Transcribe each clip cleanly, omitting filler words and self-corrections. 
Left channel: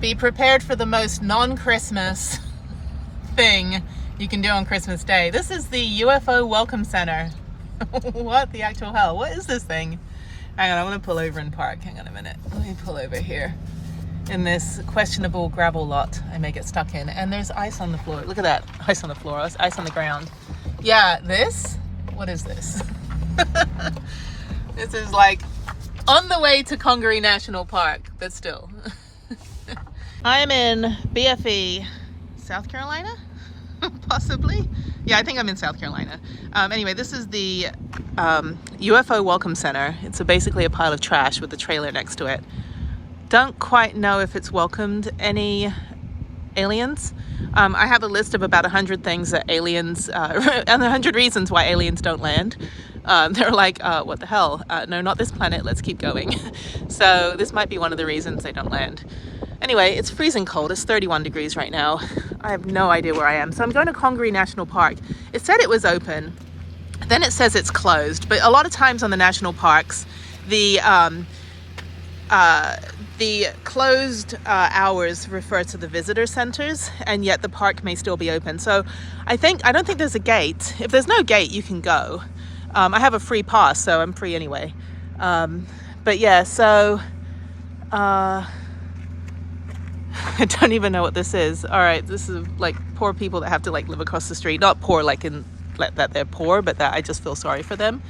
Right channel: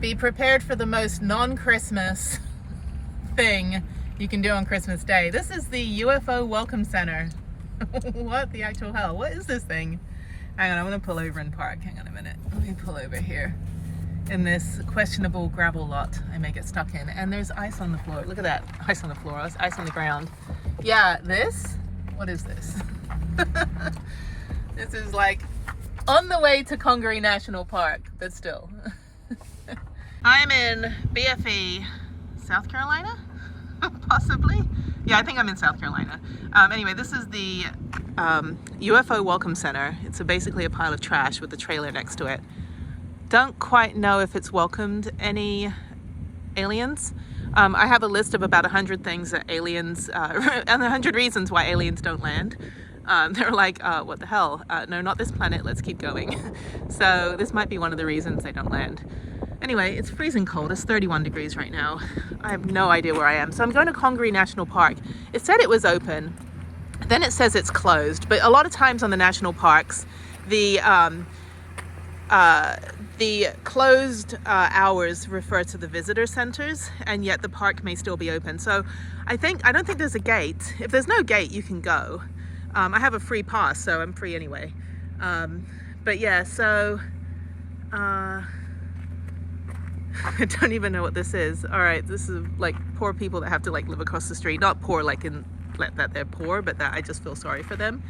Be prepared for the most non-Christmas thing you can do on Christmas Day. This is the UFO Welcome Center. What the actual hell? What is this thing? Hang on, I'm gonna pull over and park. Hang on a minute. Let me pull over here in this questionable gravel lot I may get stuck in. And there's ice on the floor. Look at that, ice on the floor. There's ice on the ground. Yeah, this? What is this? This is like on the way to Congaree National Park, but still. I'm in BFE, South Carolina, possibly. Yeah, I think I'm in South Carolina. Anyway, this is the UFO Welcome Center. It's basically a pile of trash with a trailer next to it. Don't quite know if it's welcomed any aliens. I have a list of about 100 things that aliens, and 100 reasons why aliens don't land. They're like, what the hell? No, not this planet. Let's keep going. So this might be one of the reasons they don't land. Anyway, it's freezing cold. It's 31 degrees right now. I have no idea where I am. So I'm going to Congaree National Park. It said it was open. Then it says it's closed. But a lot of times on the national parks, the closed hours refer to the visitor centers, and yet the park may still be open. So I don't think there's a gate. If there's no gate, you can go. I have a free pass, so I'm free anyway. But yeah, so I don't even know what this is. All right, this is like poor people that have to like live across the street. Not poor like in that they're poor, but that I just feel sorry for them.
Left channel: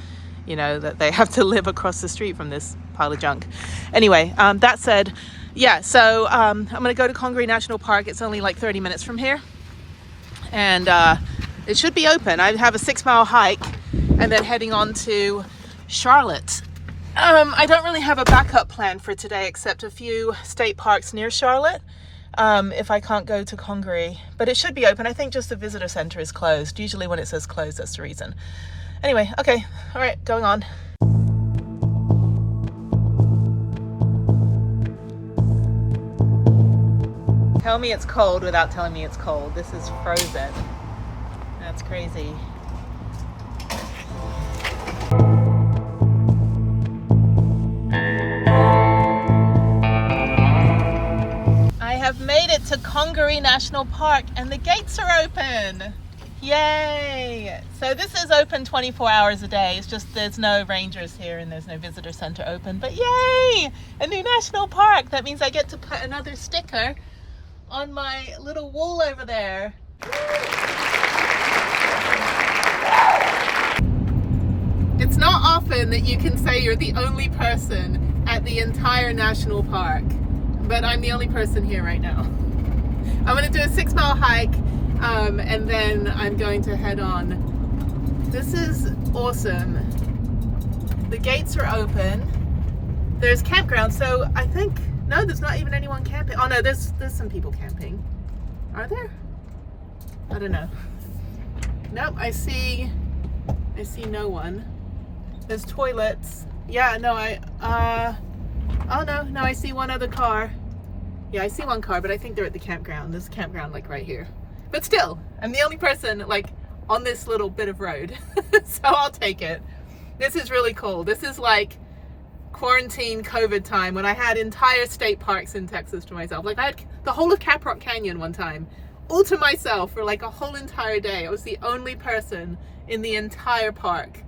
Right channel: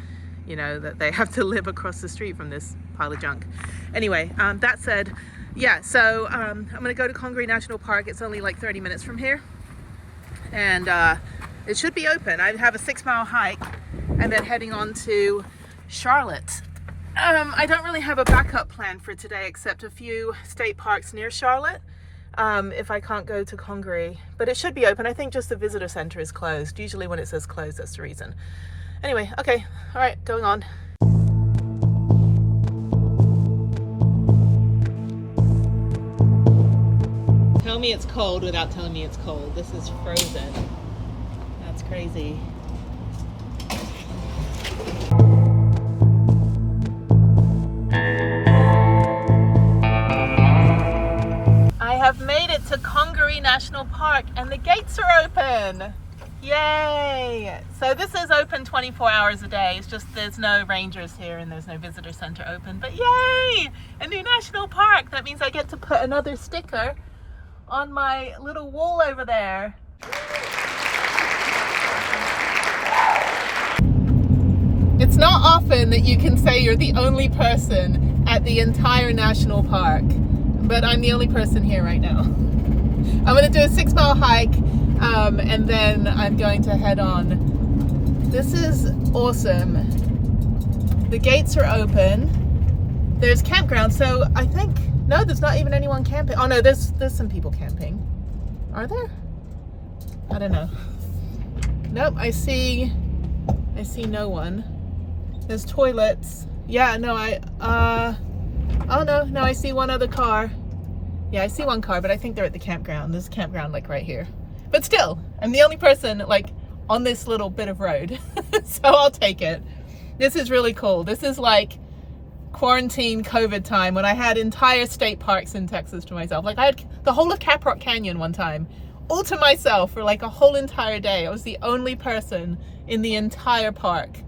You know, that they have to live across the street from this pile of junk. Anyway, that said, yeah, so I'm gonna go to Congaree National Park. It's only like 30 minutes from here. And it should be open. I have a 6-mile hike and then heading on to Charlotte. I don't really have a backup plan for today except a few state parks near Charlotte if I can't go to Congaree. But it should be open. I think just the visitor center is closed. Usually when it says closed, that's the reason. Anyway, okay, all right, going on. Tell me it's cold without telling me it's cold. This is frozen. That's crazy. I have made it to Congaree National Park and the gates are open. Yay! So this is open 24 hours a day. It's just there's no rangers here and there's no visitor center open. But yay! A new national park. That means I get to put another sticker on my little wall over there. It's not often that you can say you're the only person at the entire national park, but I'm the only person here right now. I'm going to do a 6-mile hike and then I'm going to head on. This is awesome. The gates are open. There's campground, so I think, no, there's not even anyone camping. Oh no, there's some people camping. Are there? I don't know. Nope, I see no one. There's toilets. Yeah, no, oh no, I see one other car. Yeah, I see one car, but I think they're at the campground. There's a campground like right here. But still, I'm the only person like on this little bit of road. So I'll take it. This is really cool. This is like quarantine COVID time when I had entire state parks in Texas to myself. Like I had the whole of Caprock Canyon one time all to myself for like a whole entire day. I was the only person in the entire park.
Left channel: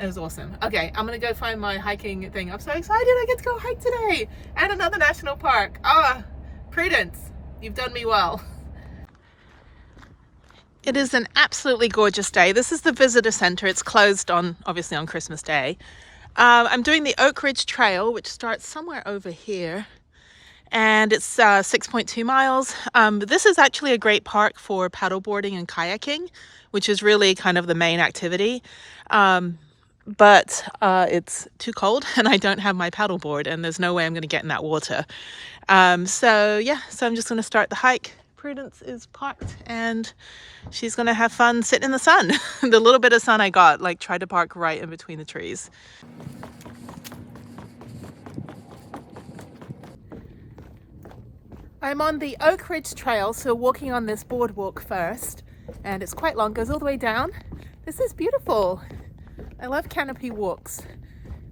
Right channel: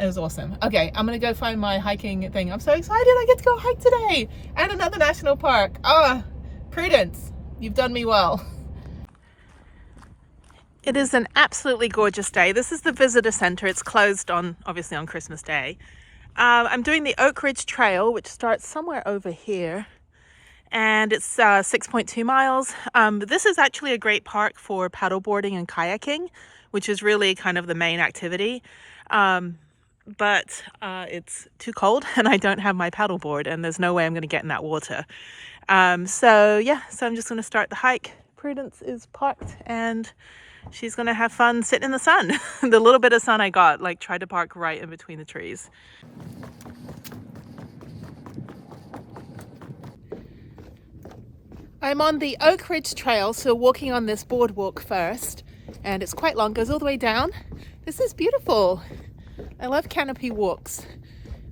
It was awesome. Okay, I'm gonna go find my hiking thing. I'm so excited I get to go hike today and another national park. Prudence, you've done me well. It is an absolutely gorgeous day. This is the visitor center. It's closed obviously on Christmas Day. I'm doing the Oak Ridge Trail, which starts somewhere over here. And it's 6.2 miles. This is actually a great park for paddleboarding and kayaking, which is really kind of the main activity. But it's too cold and I don't have my paddleboard and there's no way I'm going to get in that water. So I'm just going to start the hike. Prudence is parked and she's going to have fun sitting in the sun. The little bit of sun I got, like tried to park right in between the trees. I'm on the Oak Ridge Trail, so walking on this boardwalk first, and it's quite long, goes all the way down. This is beautiful. I love canopy walks.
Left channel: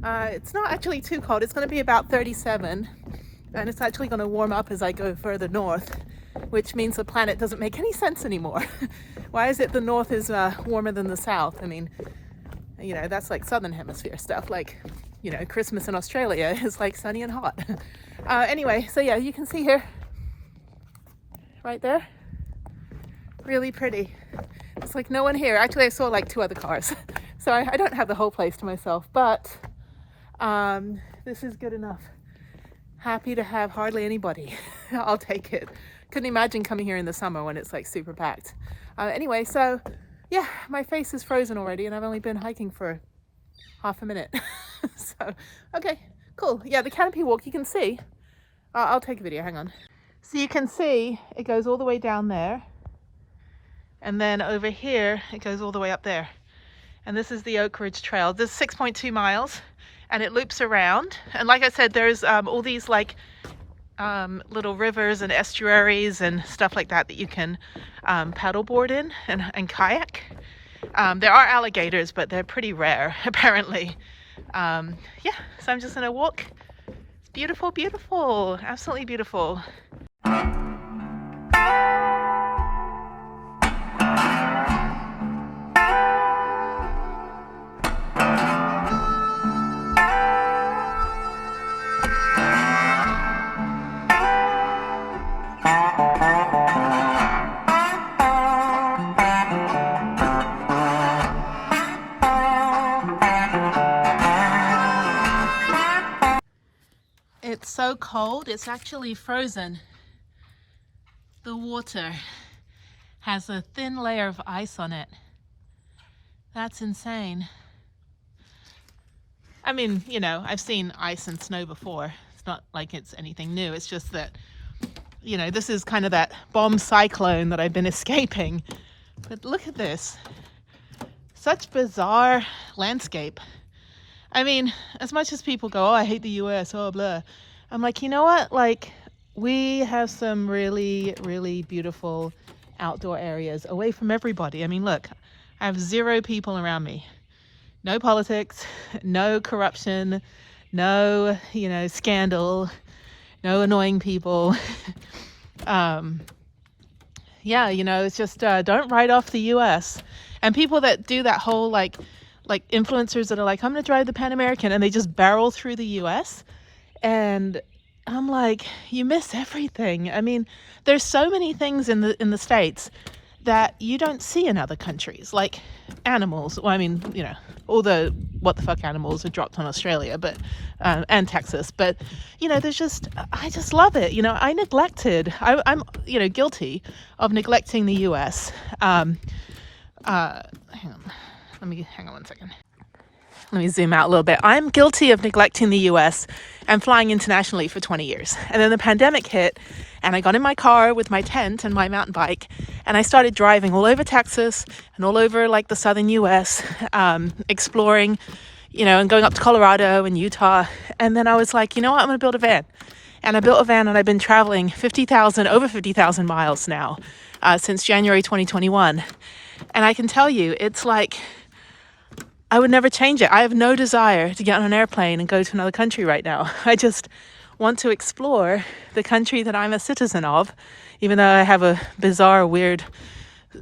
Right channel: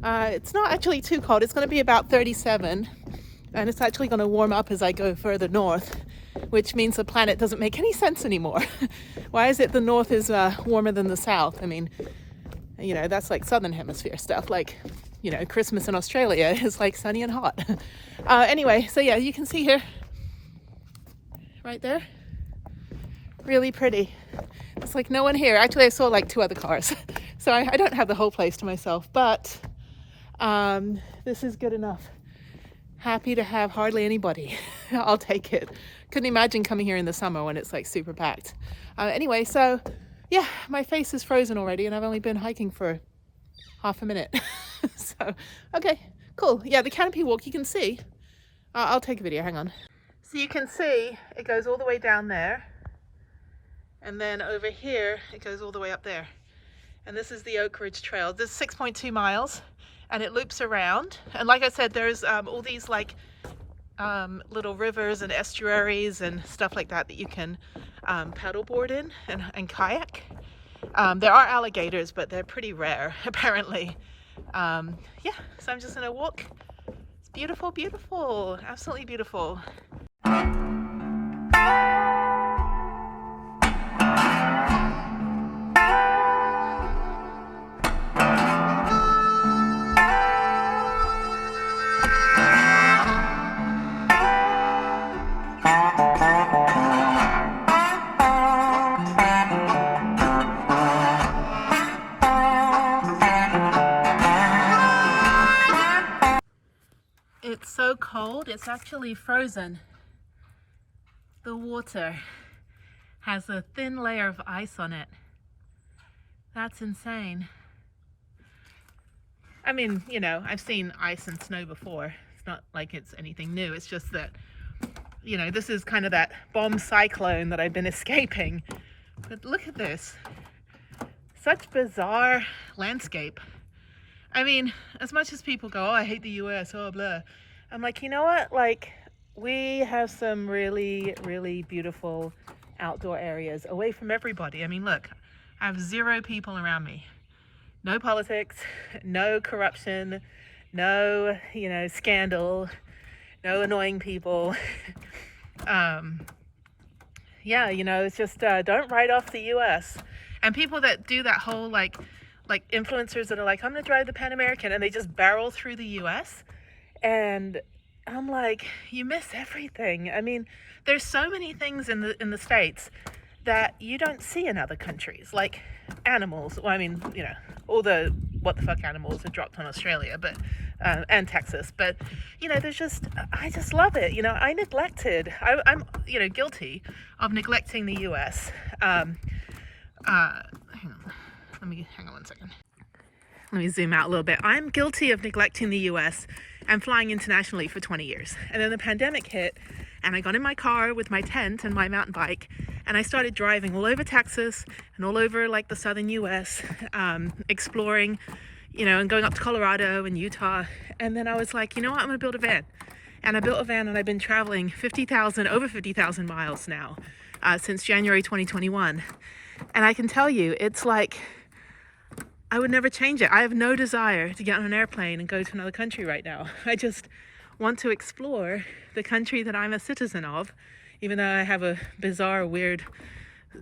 It's not actually too cold. It's going to be about 37. And it's actually going to warm up as I go further north, which means the planet doesn't make any sense anymore. Why is it the north is warmer than the south? I mean, you know, that's like southern hemisphere stuff. Like, you know, Christmas in Australia is like sunny and hot. Anyway, so yeah, you can see here, right there, really pretty. It's like no one here. Actually, I saw like 2 other cars. So I don't have the whole place to myself, but this is good enough. Happy to have hardly anybody. I'll take it. Couldn't imagine coming here in the summer when it's like super packed. Anyway, so yeah, my face is frozen already and I've only been hiking for half a minute. So, okay, cool. Yeah, the canopy walk, you can see. I'll take a video, hang on. So you can see it goes all the way down there. And then over here, it goes all the way up there. And this is the Oak Ridge Trail. This is 6.2 miles and it loops around. And like I said, there's all these like little rivers and estuaries and stuff like that that you can paddleboard in and kayak. There are alligators, but they're pretty rare, apparently. Yeah, so I'm just gonna walk. It's beautiful, beautiful, absolutely beautiful. It's so cold, it's actually frozen. The water has a thin layer of ice on it. That's insane. I mean, you know, I've seen ice and snow before. It's not like it's anything new. It's just that, you know, this is kind of that bomb cyclone that I've been escaping. But look at this. Such bizarre landscape. I mean, as much as people go, oh, I hate the US, oh, blah. I'm like, you know what? Like, we have some really, really beautiful outdoor areas away from everybody. I mean, look, I have 0 people around me. No politics, no corruption, no, you know, scandal, no annoying people. Yeah, you know, it's just don't write off the US. And people that do that whole like influencers that are like, I'm gonna drive the Pan American, and they just barrel through the US. And I'm like, you miss everything. I mean, there's so many things in the States that you don't see in other countries, like animals. Well, I mean, you know, all the what the fuck animals are dropped on Australia, but and Texas. But you know, there's just, I just love it. You know, I'm you know, guilty of neglecting the US. Hang on one second. Let me zoom out a little bit. I'm guilty of neglecting the US and flying internationally for 20 years. And then the pandemic hit and I got in my car with my tent and my mountain bike and I started driving all over Texas and all over like the southern US, exploring, you know, and going up to Colorado and Utah. And then I was like, you know what, I'm gonna build a van. And I built a van and I've been traveling over 50,000 miles now since January 2021. And I can tell you, it's like, I would never change it. I have no desire to get on an airplane and go to another country right now. I just want to explore the country that I'm a citizen of, even though I have a bizarre, weird,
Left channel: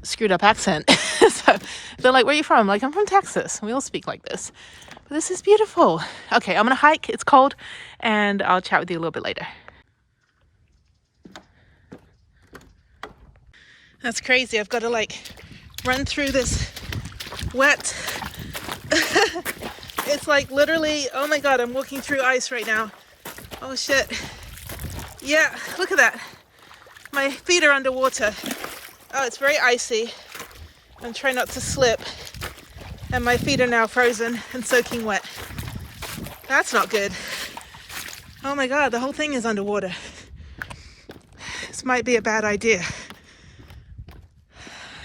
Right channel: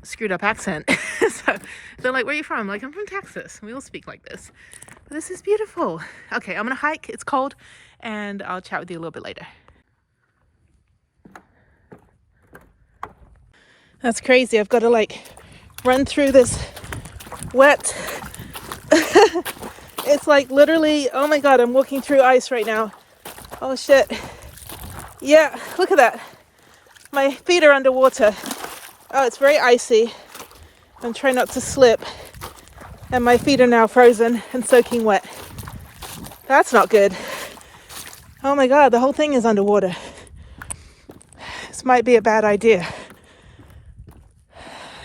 screwed up accent. So they're like, where are you from? I'm like, I'm from Texas. We all speak like this. But this is beautiful. Okay, I'm gonna hike. It's cold and I'll chat with you a little bit later. That's crazy. I've got to like run through this wet it's like literally, oh my god, I'm walking through ice right now. Oh shit. Yeah, look at that. My feet are underwater. Oh, it's very icy. I'm trying not to slip. And my feet are now frozen and soaking wet. That's not good. Oh my god, the whole thing is underwater. This might be a bad idea.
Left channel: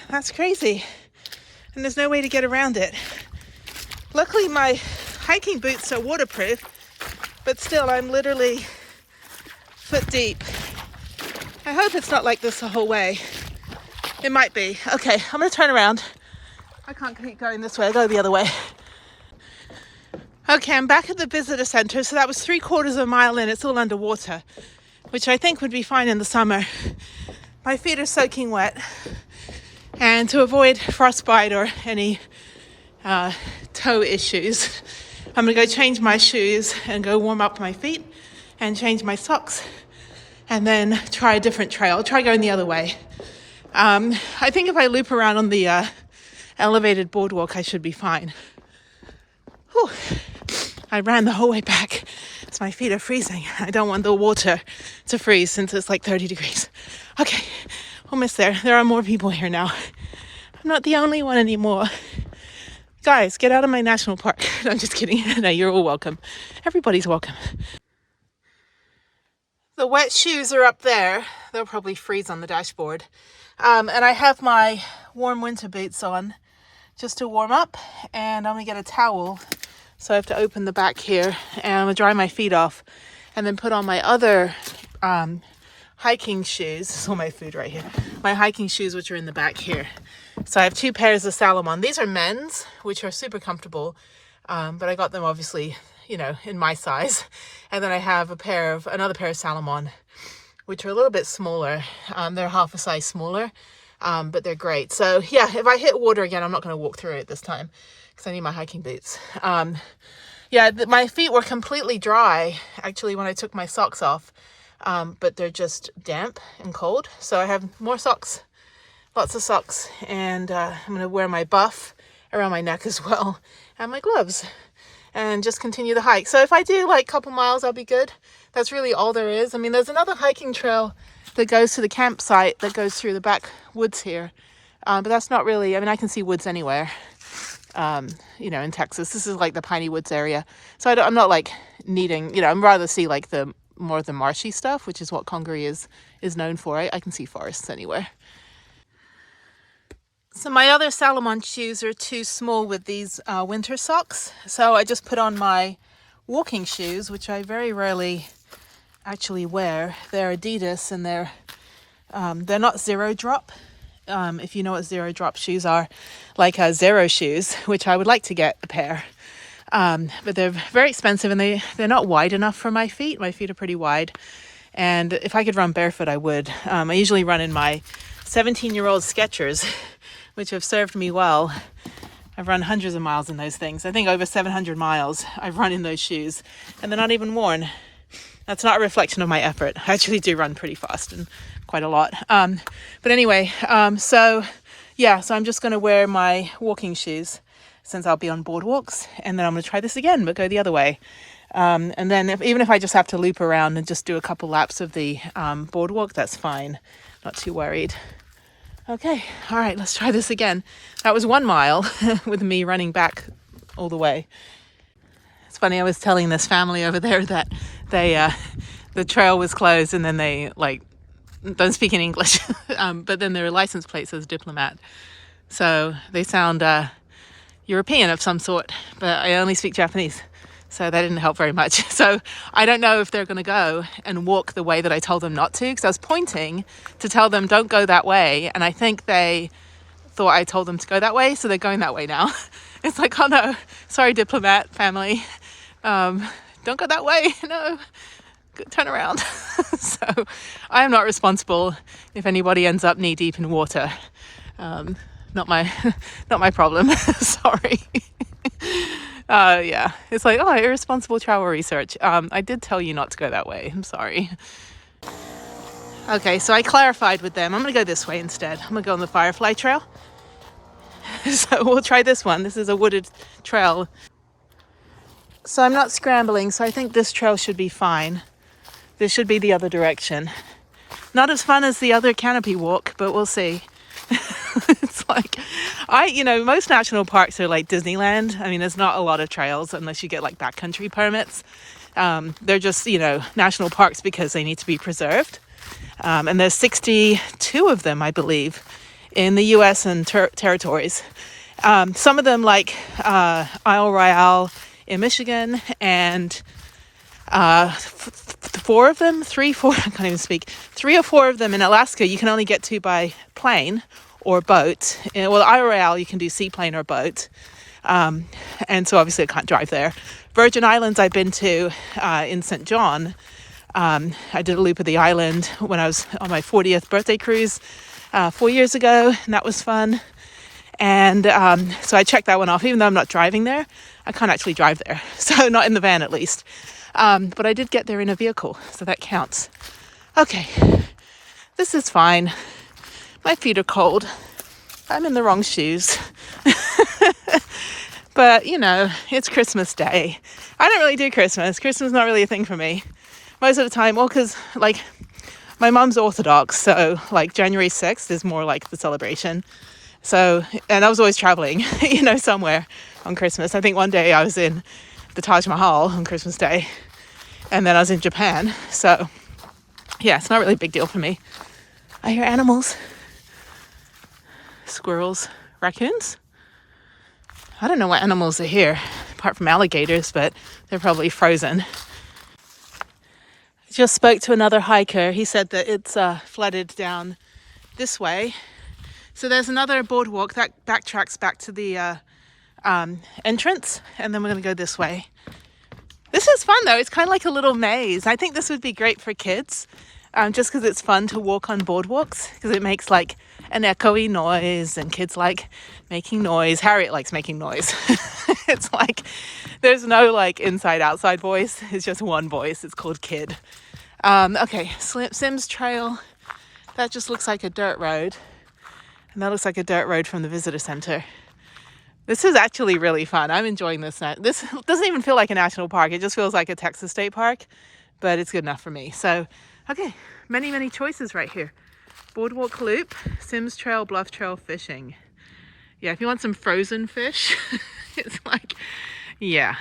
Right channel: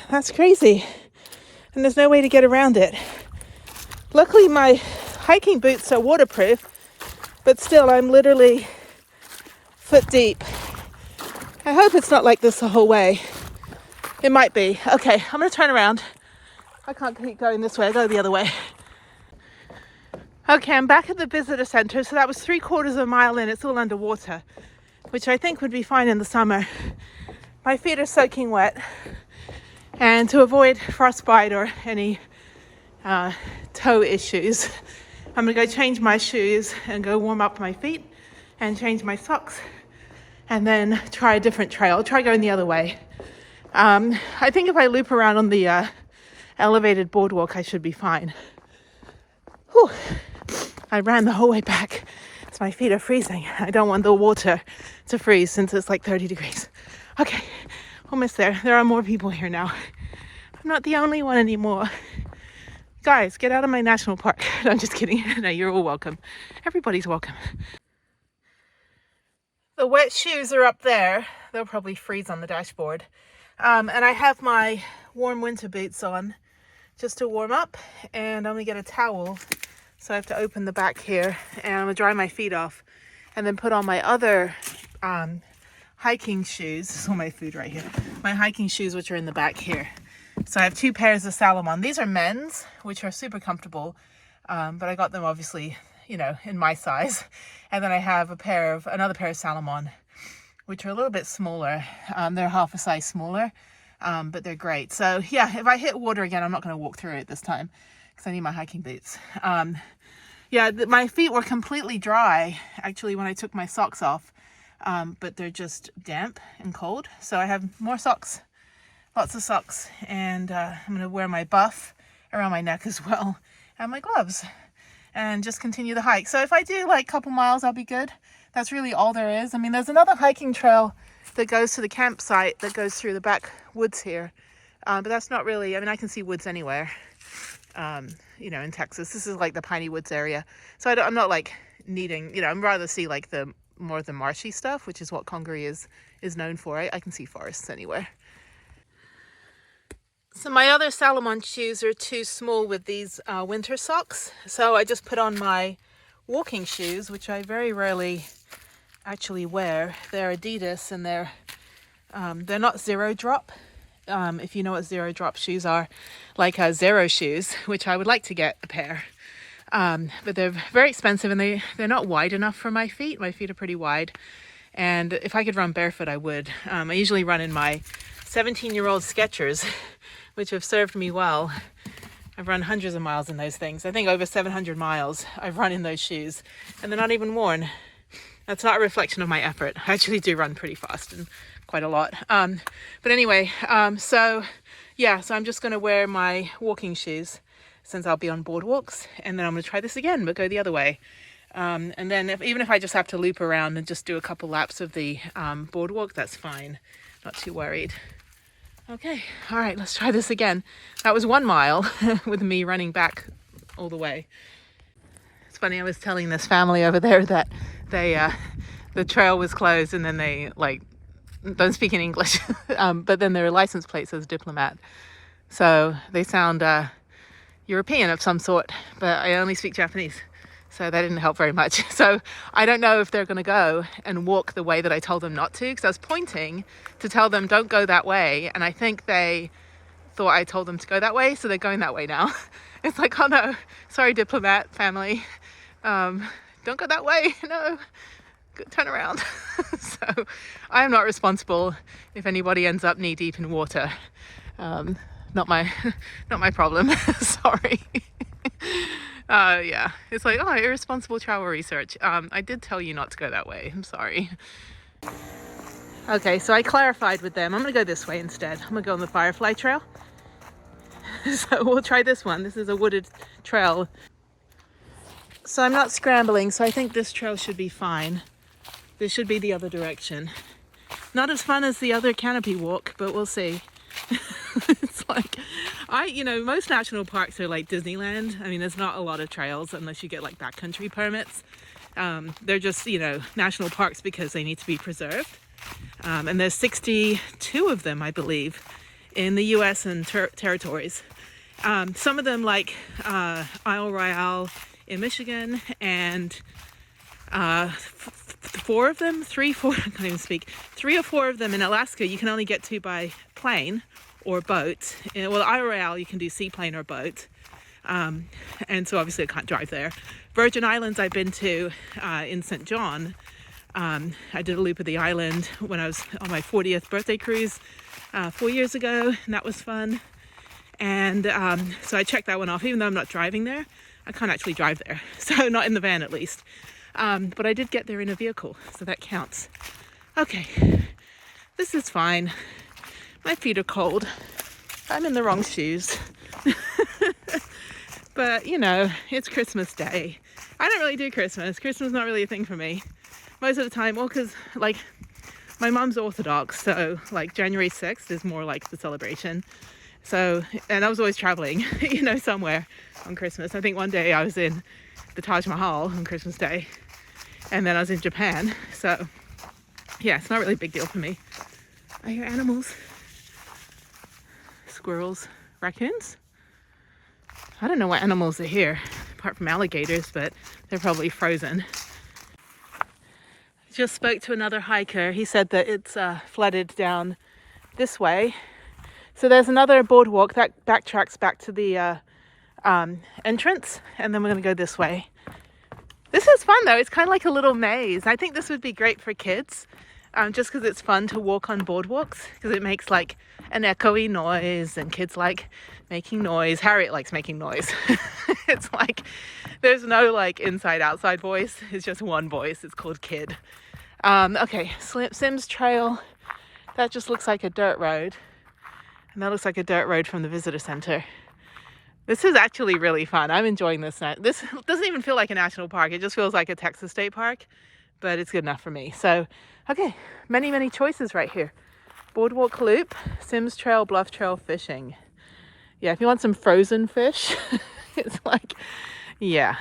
That's crazy. And there's no way to get around it. Luckily my hiking boots are waterproof, but still I'm literally foot deep. I hope it's not like this the whole way. It might be. Okay, I'm gonna turn around. I can't keep going this way, I go the other way. Okay, I'm back at the visitor center. So that was 3/4 of a mile in, it's all underwater. which I think would be fine in the summer. My feet are soaking wet, and to avoid frostbite or any toe issues, I'm gonna go change my shoes and go warm up my feet and change my socks, and then try a different trail. I'll try going the other way. I think if I loop around on the elevated boardwalk, I should be fine. Whew. I ran the whole way back, so my feet are freezing. I don't want the water to freeze since it's like 30 degrees. Okay, almost there. There are more people here now. I'm not the only one anymore. Guys, get out of my national park. No, I'm just kidding. No, you're all welcome. Everybody's welcome. The wet shoes are up there. They'll probably freeze on the dashboard. And I have my warm winter boots on just to warm up. And I'm going to get a towel. So I have to open the back here. And I'm going to dry my feet off. And then put on my other hiking shoes. This is all my food right here. My hiking shoes, which are in the back here. So I have 2 pairs of Salomon. These are men's, which are super comfortable. But I got them obviously, you know, in my size. And then I have another pair of Salomon, which are a little bit smaller. They're half a size smaller, but they're great. So yeah, if I hit water again, I'm not going to walk through it this time because I need my hiking boots. Yeah, my feet were completely dry actually when I took my socks off, but they're just damp and cold. So I have more socks, lots of socks, and I'm going to wear my buff around my neck as well, and my gloves, and just continue the hike. So if I do like a couple miles, I'll be good. That's really all there is. I mean, there's another hiking trail that goes to the campsite that goes through the back woods here. But that's not really, I mean, I can see woods anywhere, you know, in Texas. This is like the Piney Woods area. So I'm not like needing, you know, I'd rather see like more of the marshy stuff, which is what Congaree is known for. I can see forests anywhere. So my other Salomon shoes are too small with these winter socks. So I just put on my walking shoes, which I very rarely actually wear. They're Adidas, and they're not zero drop. If you know what zero drop shoes are, like Zero shoes, which I would like to get a pair. But they're very expensive, and they're not wide enough for my feet. My feet are pretty wide. And if I could run barefoot, I would. I usually run in my 17-year-old Skechers, which have served me well. I've run hundreds of miles in those things. I think over 700 miles I've run in those shoes, and they're not even worn. That's not a reflection of my effort. I actually do run pretty fast and quite a lot. But anyway, so I'm just going to wear my walking shoes since I'll be on boardwalks, and then I'm going to try this again, but go the other way. And then even if I just have to loop around and just do a couple laps of the boardwalk, that's fine. Not too worried. Okay, all right, let's try this again. That was 1 mile with me running back all the way. It's funny, I was telling this family over there that the trail was closed, and then they like don't speak in English, but then their license plate says diplomat. So they sound European of some sort, but I only speak Japanese. So that didn't help very much. So I don't know if they're going to go and walk the way that I told them not to, because I was pointing to tell them don't go that way. And I think they thought I told them to go that way. So they're going that way now. It's like, oh no, sorry, diplomat family. Don't go that way. No, turn around. So I'm not responsible if anybody ends up knee deep in water. Not my problem. Sorry. Yeah, it's like, oh, irresponsible travel research. I did tell you not to go that way. I'm sorry. Okay, so I clarified with them. I'm going to go this way instead. I'm going to go on the Firefly Trail. So we'll try this one. This is a wooded trail. So I'm not scrambling, so I think this trail should be fine. This should be the other direction. Not as fun as the other canopy walk, but we'll see. It's like, most national parks are like Disneyland. I mean, there's not a lot of trails unless you get like backcountry permits. They're just, national parks because they need to be preserved. And there's 62 of them, I believe, in the U.S. and territories. Some of them like Isle Royale in Michigan, and 4 of them, 3 or 4 of them in Alaska you can only get to by plane or boat. Well, Isle Royale you can do seaplane or boat, and so obviously I can't drive there. Virgin Islands I've been to in St. John, I did a loop of the island when I was on my 40th birthday cruise 4 years ago, and that was fun. And so I checked that one off. Even though I'm not driving there, I can't actually drive there, so not in the van at least. But I did get there in a vehicle, so that counts. Okay, this is fine. My feet are cold. I'm in the wrong shoes. But, you know, it's Christmas Day. I don't really do Christmas. Christmas is not really a thing for me. Most of the time, well, because, like, my mom's Orthodox, so, like, January 6th is more like the celebration. So, and I was always traveling, you know, somewhere on Christmas. I think one day I was in the Taj Mahal on Christmas Day, and then I was in Japan. So, yeah, it's not really a big deal for me. I hear animals. Squirrels, raccoons. I don't know what animals are here, apart from alligators, but they're probably frozen. Just spoke to another hiker. He said that it's flooded down this way. So there's another boardwalk that backtracks back to the entrance, and then we're going to go this way. This is fun, though. It's kind of like a little maze. I think this would be great for kids, just because it's fun to walk on boardwalks, because it makes like an echoey noise, and kids like making noise. Harriet likes making noise. It's like there's no like inside outside voice. It's just one voice. It's called kid. Okay, Sims Trail. That just looks like a dirt road. And that looks like a dirt road from the visitor center. This is actually really fun. I'm enjoying this. This doesn't even feel like a national park. It just feels like a Texas state park, but it's good enough for me. So, okay, many, many choices right here. Boardwalk Loop, Sims Trail, Bluff Trail, fishing. Yeah, if you want some frozen fish, it's like, yeah.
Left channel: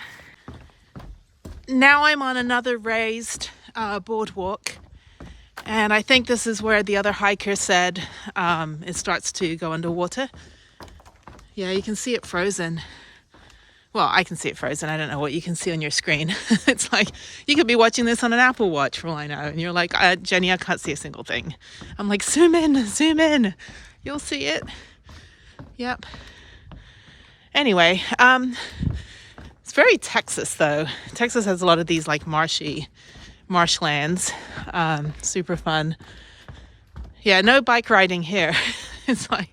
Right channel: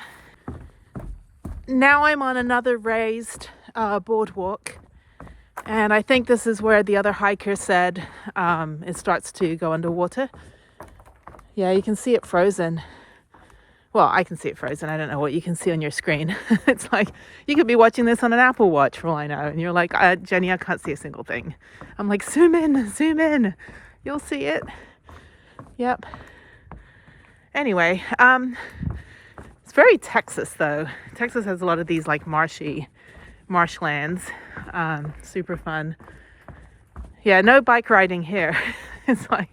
Now I'm on another raised boardwalk. And I think this is where the other hiker said it starts to go underwater. Yeah, you can see it frozen. Well, I can see it frozen. I don't know what you can see on your screen. It's like, you could be watching this on an Apple Watch for all I know. And you're like, Jenny, I can't see a single thing. I'm like, zoom in. You'll see it. Yep. Anyway, it's very Texas, though. Texas has a lot of these, like, marshlands. Super fun. Yeah, no bike riding here. It's like,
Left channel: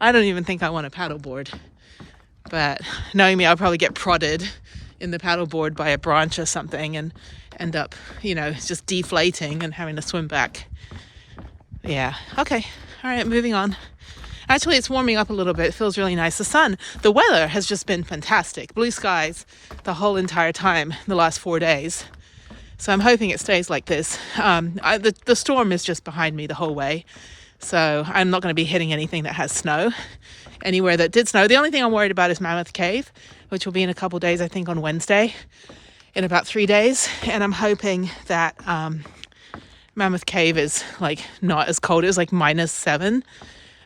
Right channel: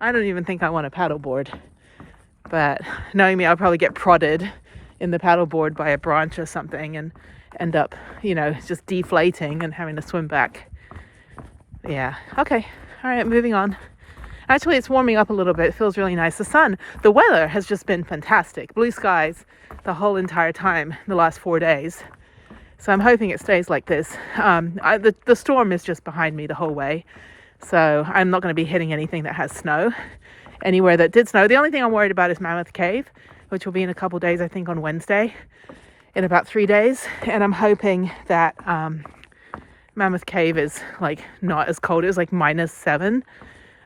I don't even think I want a paddleboard. But knowing me, I'll probably get prodded in the paddleboard by a branch or something and end up, you know, just deflating and having to swim back. Yeah. Okay. All right, moving on. Actually, it's warming up a little bit. It feels really nice. The weather has just been fantastic. Blue skies the whole entire time, the last 4 days. So I'm hoping it stays like this. The storm is just behind me the whole way. So I'm not going to be hitting anything that has snow. Anywhere that did snow. The only thing I'm worried about is Mammoth Cave, which will be in a couple days, I think on Wednesday, in about 3 days. And I'm hoping that Mammoth Cave is like not as cold. It was like -7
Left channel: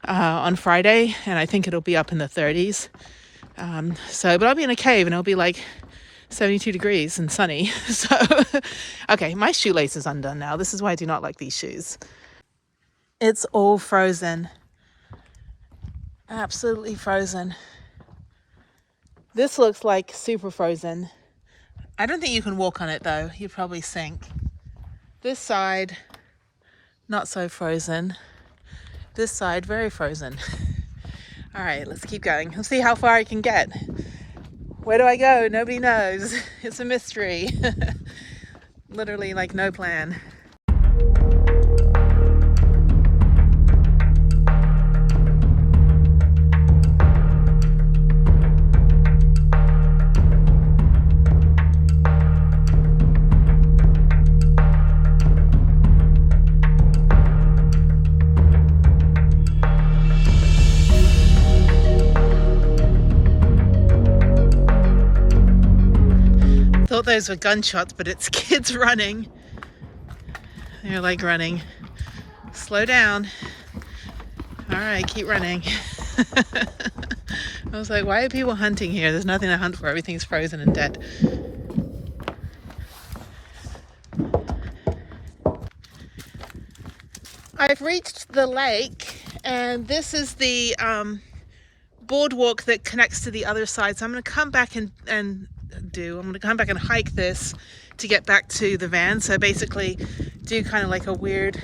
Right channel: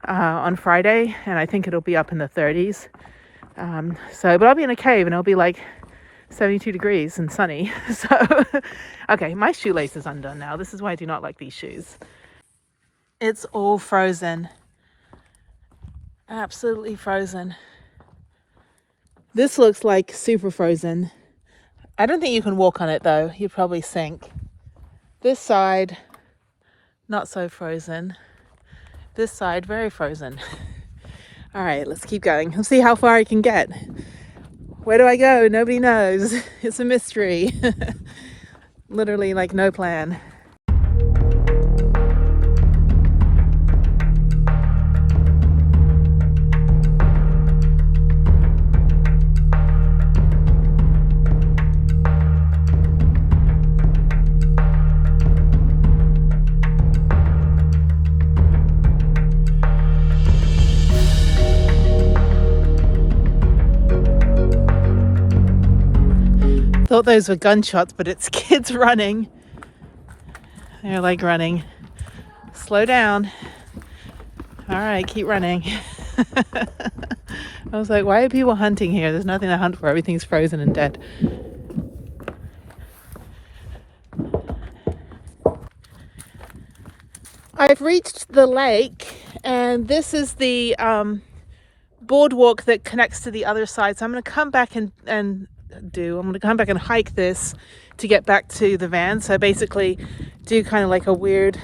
on Friday. And I think it'll be up in the 30s. But I'll be in a cave and it'll be like 72 degrees and sunny. So, okay, my shoelace is undone now. This is why I do not like these shoes. It's all frozen. Absolutely frozen. This looks like super frozen. I don't think you can walk on it though. You'd probably sink. This side, not so frozen. This side, very frozen. All right, let's keep going. Let's see how far I can get. Where do I go? Nobody knows. It's a mystery. Literally like no plan. Thought those were gunshots, but it's kids running. They're like running. Slow down. All right, keep running. I was like, why are people hunting here? There's nothing to hunt for. Everything's frozen and dead. I've reached the lake, and this is the boardwalk that connects to the other side. So I'm going to come back and hike this to get back to the van. So basically do kind of like a weird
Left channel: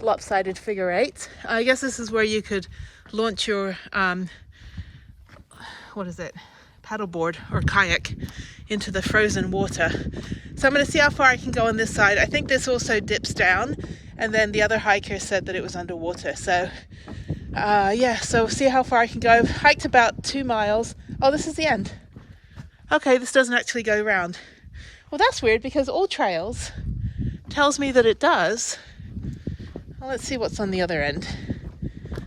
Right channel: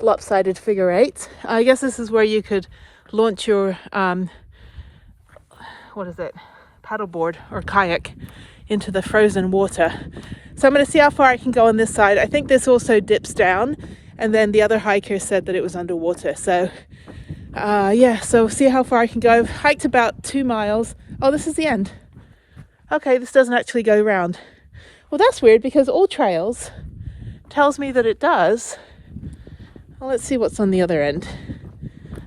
lopsided figure eight. I guess this is where you could launch your what is it, paddleboard or kayak into the frozen water. So I'm going to see how far I can go on this side. I think this also dips down, and then the other hiker said that it was underwater. So yeah, so see how far I can go. I've hiked about 2 miles. Oh, this is the end. Okay, this doesn't actually go round. Well, that's weird because All Trails tells me that it does. Well, let's see what's on the other end.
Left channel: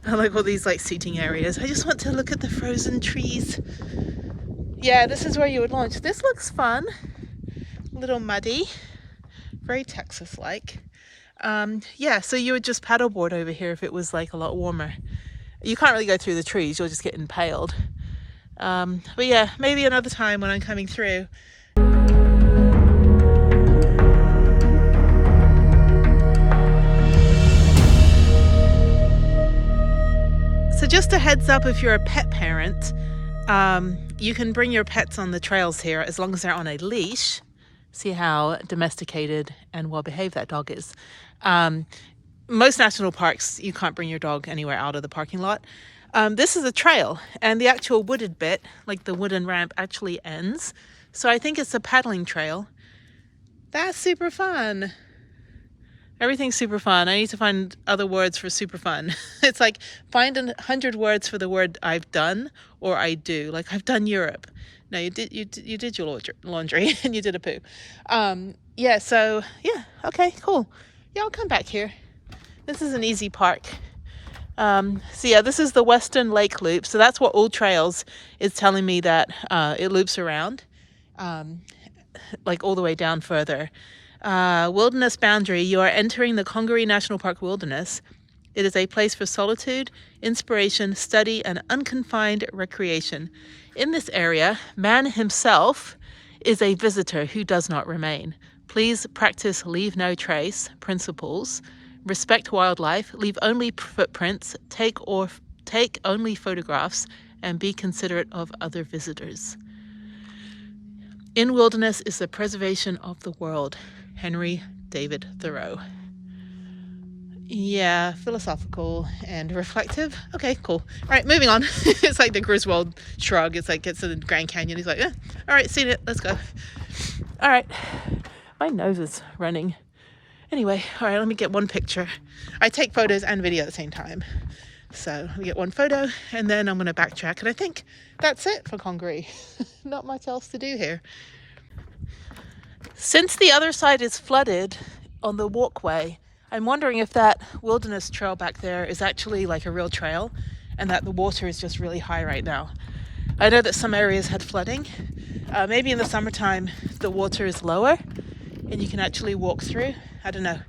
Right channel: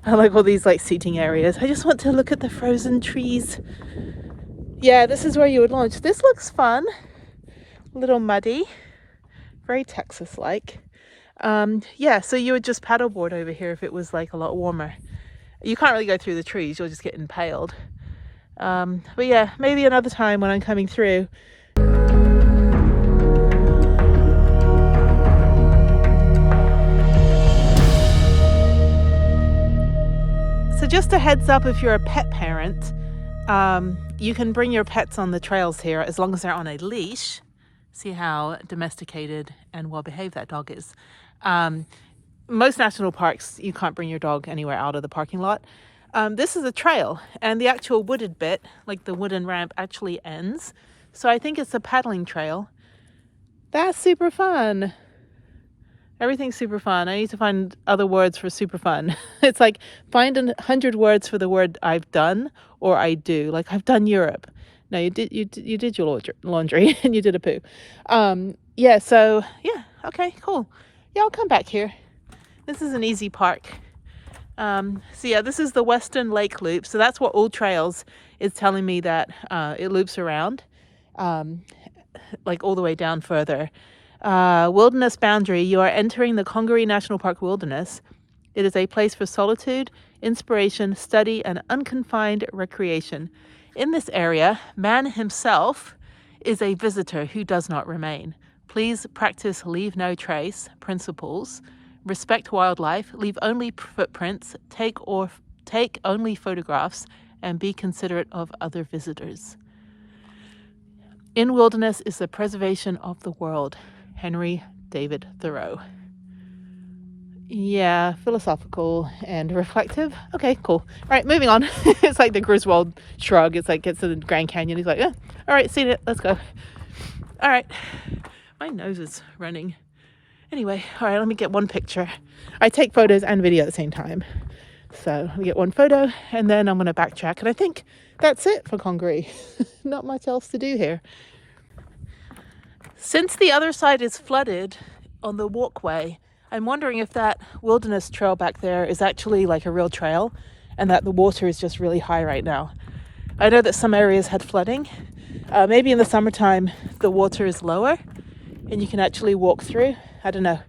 I like all these like seating areas. I just want to look at the frozen trees. Yeah, this is where you would launch. This looks fun. A little muddy. Very Texas-like. Yeah, so you would just paddleboard over here if it was like a lot warmer. You can't really go through the trees. You'll just get impaled. But yeah, maybe another time when I'm coming through. So just a heads up, if you're a pet parent, you can bring your pets on the trails here as long as they're on a leash. See how domesticated and well behaved that dog is. Most national parks, you can't bring your dog anywhere out of the parking lot. This is a trail, and the actual wooded bit, like the wooden ramp, actually ends. So I think it's a paddling trail. That's super fun. Everything's super fun. I need to find other words for super fun. It's like find 100 words for the word I've done or I do. Like I've done Europe. No, you did your laundry and you did a poo. Yeah, so yeah, okay, cool. Yeah, I'll come back here. This is an easy park. So yeah, this is the Western Lake Loop. So that's what All Trails is telling me, that it loops around, like all the way down further. Wilderness boundary. You are entering the Congaree National Park wilderness. It is a place for solitude, inspiration, study, and unconfined recreation. In this area, man himself is a visitor who does not remain. Please practice leave no trace principles. Respect wildlife, leave only footprints, take only photographs, and be considerate of other visitors. In wilderness is the preservation of the world. Henry David Thoreau. Yeah, philosophical and reflective. Okay, cool. All right, moving on. It's like the Griswold shrug. It's like gets to the Grand Canyon. He's like, yeah, all right, seen it. Let's go. All right. My nose is running. Anyway, all right, let me get one picture. I take photos and video at the same time. So let me get one photo and then I'm going to backtrack. And I think that's it for Congaree. Not much else to do here. Since the other side is flooded on the walkway, I'm wondering if that wilderness trail back there is actually like a real trail and that the water is just really high right now. I know that some areas had flooding. Maybe in the summertime the water is lower and you can actually walk through. I don't know.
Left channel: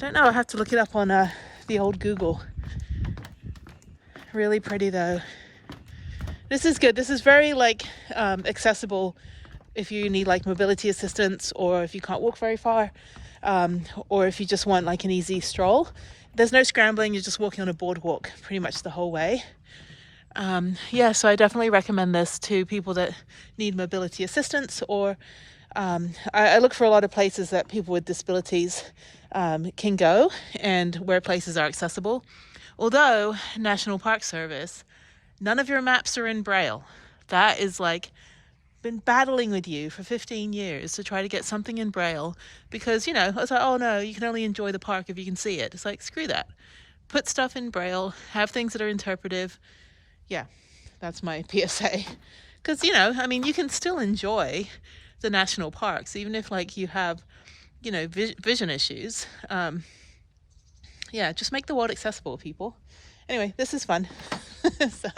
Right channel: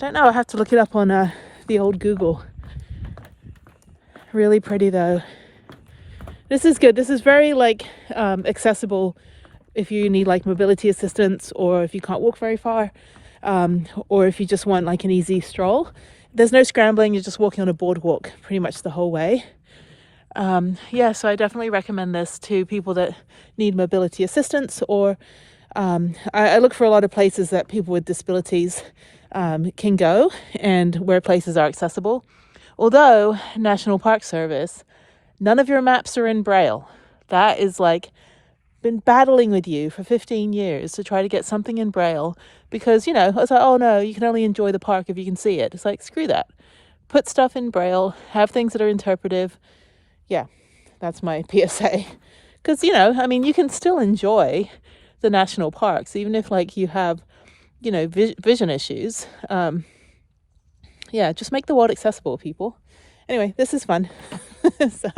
I have to look it up on the old Google. Really pretty though. This is good. This is very like accessible if you need like mobility assistance, or if you can't walk very far, or if you just want like an easy stroll. There's no scrambling. You're just walking on a boardwalk pretty much the whole way. Yeah, so I definitely recommend this to people that need mobility assistance, or I look for a lot of places that people with disabilities can go and where places are accessible. Although National Park Service, none of your maps are in Braille. That is like been battling with you for 15 years to try to get something in Braille, because, you know, I was like, oh no, you can only enjoy the park if you can see it. It's like, screw that. Put stuff in Braille, have things that are interpretive. Yeah, that's my PSA. Because, you know, I mean, you can still enjoy the national parks, even if like you have, you know, vision issues. Yeah, just make the world accessible, people. Anyway, this is fun. So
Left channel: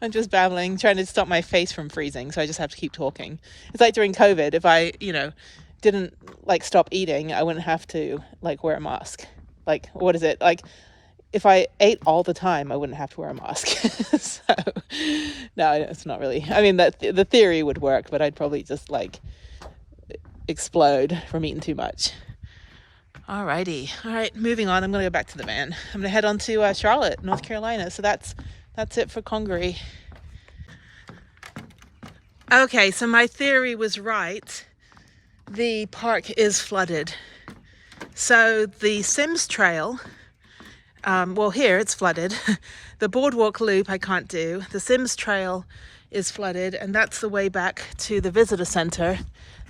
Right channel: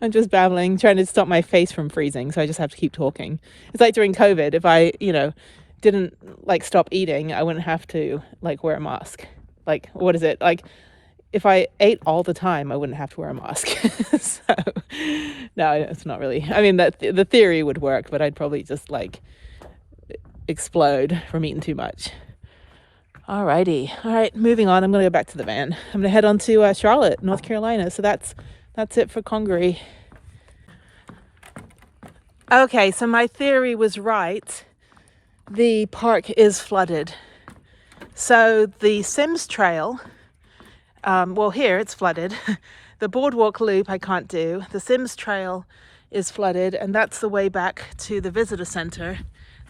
I'm just babbling, trying to stop my face from freezing, so I just have to keep talking. It's like during COVID, if I, you know, didn't like stop eating, I wouldn't have to like wear a mask. Like, what is it? Like, if I ate all the time, I wouldn't have to wear a mask. So, no, it's not really. I mean, the theory would work, but I'd probably just like explode from eating too much. Alrighty. All right, moving on. I'm going to go back to the van. I'm going to head on to Charlotte, North Carolina. So that's it for Congaree. Okay, so my theory was right the park is flooded. So the Sims Trail, well, here it's flooded. The boardwalk loop I can't do. The Sims Trail is flooded, and that's the way back to the visitor center.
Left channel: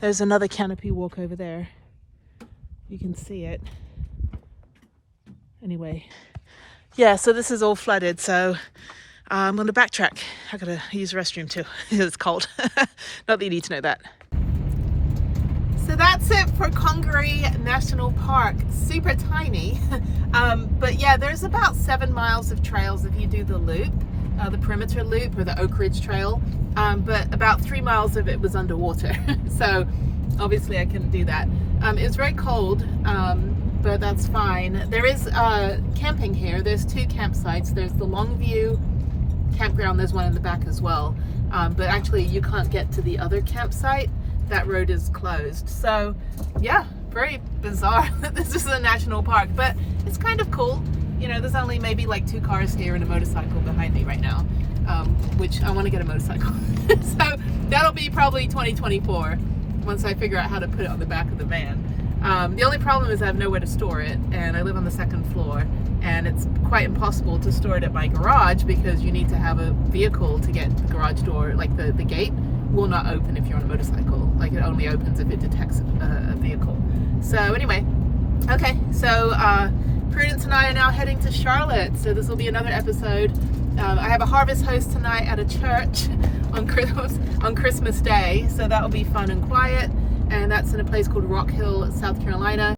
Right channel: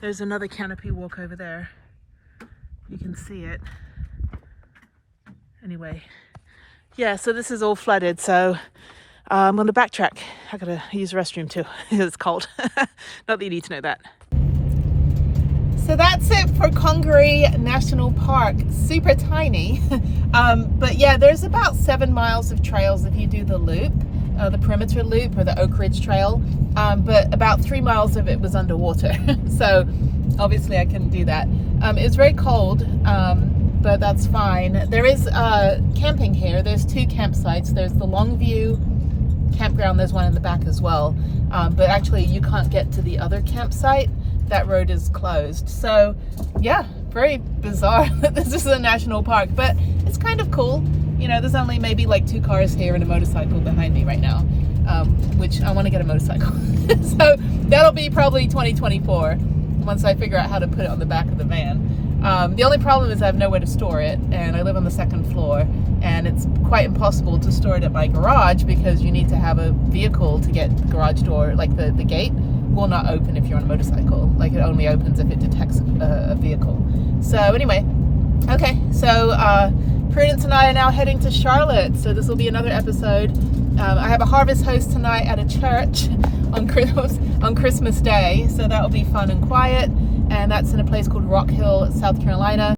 There's another canopy walk over there. You can see it. Anyway, yeah, so this is all flooded, so I'm going to backtrack. I gotta use the restroom too. It's cold. Not that you need to know that. So that's it for Congaree National Park. Super tiny. But yeah, there's about 7 miles of trails if you do the loop, the perimeter loop or the Oak Ridge Trail. But about 3 miles of it was underwater. So obviously I couldn't do that. It was very cold, but that's fine. There is camping here. There's 2 campsites. There's the Longview campground. There's one in the back as well. But actually you can't get to the other campsite. That road is closed. So yeah, very bizarre that this is a national park, but it's kind of cool. You know, there's only maybe like 2 cars here and a motorcycle behind me right now, which I want to get a motorcycle. So that'll be probably 2024 once I figure out how to put it on the back of the van. The only problem is I have nowhere to store it, and I live on the 2nd floor, and it's quite impossible to store it at my garage because you need to have a vehicle to get the garage door, like the gate will not open if you're on a motorcycle. Like, it only opens if it detects a vehicle. So anyway, okay, so Prudence and I are now heading to Charlotte, so this will be another episode. I have a harvest host tonight at a church on Christmas Day, so that will be fun and quiet, and that's in a place called Rock Hill, South Carolina.